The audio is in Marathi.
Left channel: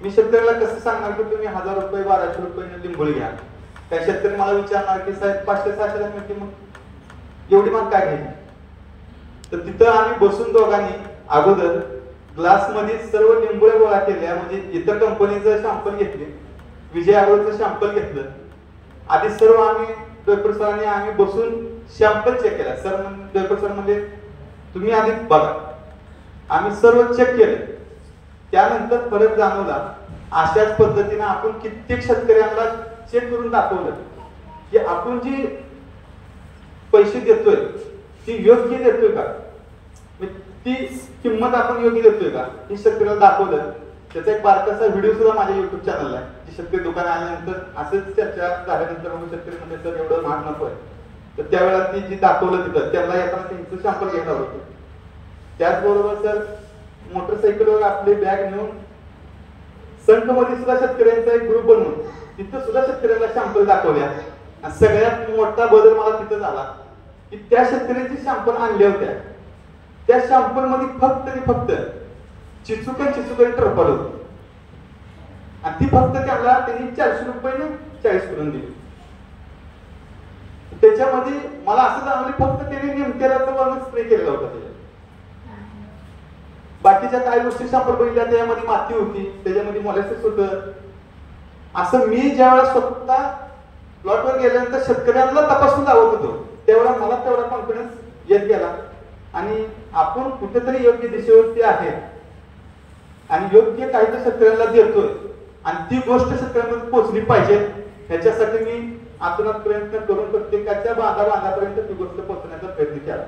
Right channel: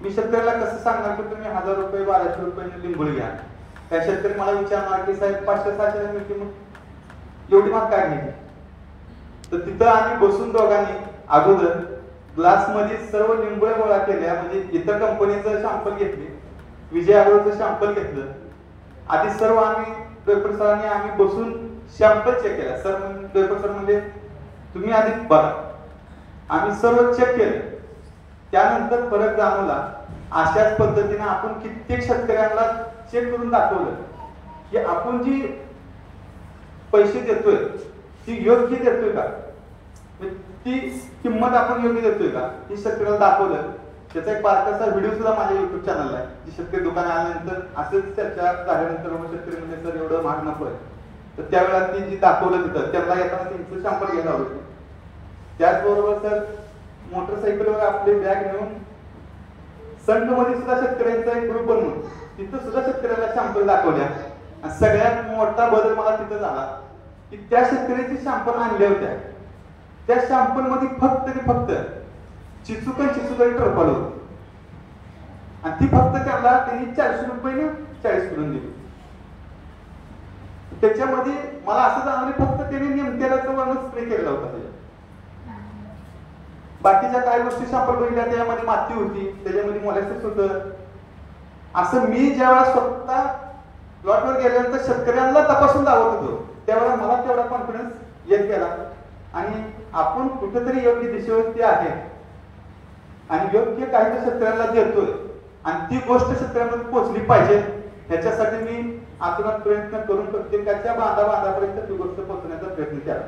मी शेतकऱ्याला कसं सांगणार की तुम्ही 1000 रुपये 1200 रुपये लिंबोळी घ्या? त्या शेतकरी मला विचारणार की साहेब 500-600 मिळते, मग एवढी मग काय घ्यायची? तर तिथं आम्ही बसून दोघांनी अगोदर ग्लास मध्ये सर्व लिंबोळ्या गोळा केल्या, म्हणजे इतर कंपनीचं शॅम्पल घेतले, विजय अग्रोचं शॅम्पल घेतलं. आधी सर्व आम्ही डॉक्टर सरांनी आम्ही बसून शॅम्पल चेक केला. डॉक्टर सर म्हणजे तुम्ही आधी बघा, आम्ही सर्व चेक केले. त्यानंतर फरक जाणवला. अशाच पद्धतीने आपण कित्येक शेतकऱ्यांना चेक करून दाखवलं की आपण जी पैसे देतोय ती योग्य देतोय का, ती किंमत आपण योग्य देतोय का, हे शेतकऱ्याला दाखवलं. त्याचा एक बारकासा व्हिडिओ सुद्धा माझ्या युट्यूब चॅनलला आहे. जे शेतकरी दुकान आल्यानंतर असंच चर्चा झाल्यानंतर मग शेतकरी म्हणजे सर एवढं महाग नको आहे, तर त्यावेळेला ती जी दाखवलं तिथं त्यांना येताना त्यांचं शॅम्पल घ्यायला होतं. त्याचबरोबर सर मोटरसायकलवर आपली बॅग नेऊन संघमध्ये सुद्धा शेतकऱ्यांचा एक ग्रुप बनवून तिथं सुद्धा शेतकऱ्यांना शॅम्पल दाखवल्या. आणि सगळ्यात मोठा बदल मला तिथं झाला की त्या शेतकऱ्यांची शॅम्पल आणल्या होत्या, त्या शॅम्पल मध्ये फक्त चिचुकन टरफल होती आणि ती फक्त त्यांनी 400 रुपये 40 करून दिली. त्याच्यामध्ये मला असं जाणवलं फक्त त्यांनी नेमक्याला तो स्प्रे केलेला होता. बाकीच्या काही गोष्टी शॅम्पल बघितल्या त्याच्यामध्ये माती होती, त्याच्यामध्ये मोलॅसिस होतं. असं मी ज्यावेळेला स्वतः प्लॉटवर गेल्यानंतर शेतकऱ्यांना तपासून दावत होतो त्यावेळेला मला तेवढा कॉन्फिडन्स येत गेला आणि आपण कुठेतरी योग्य दिशेवरती आहे आणि योग्य काहीतरी शेतकऱ्यांना देतोय आणि ती गोष्ट शेतकऱ्यांमध्ये पोहोचली पाहिजे. ह्याच्यासाठी मी आतुरात प्रयत्न करून प्रत्येकाच्या बांधापर्यंत ती गोष्ट पोहोचण्याचा प्रयत्न केला.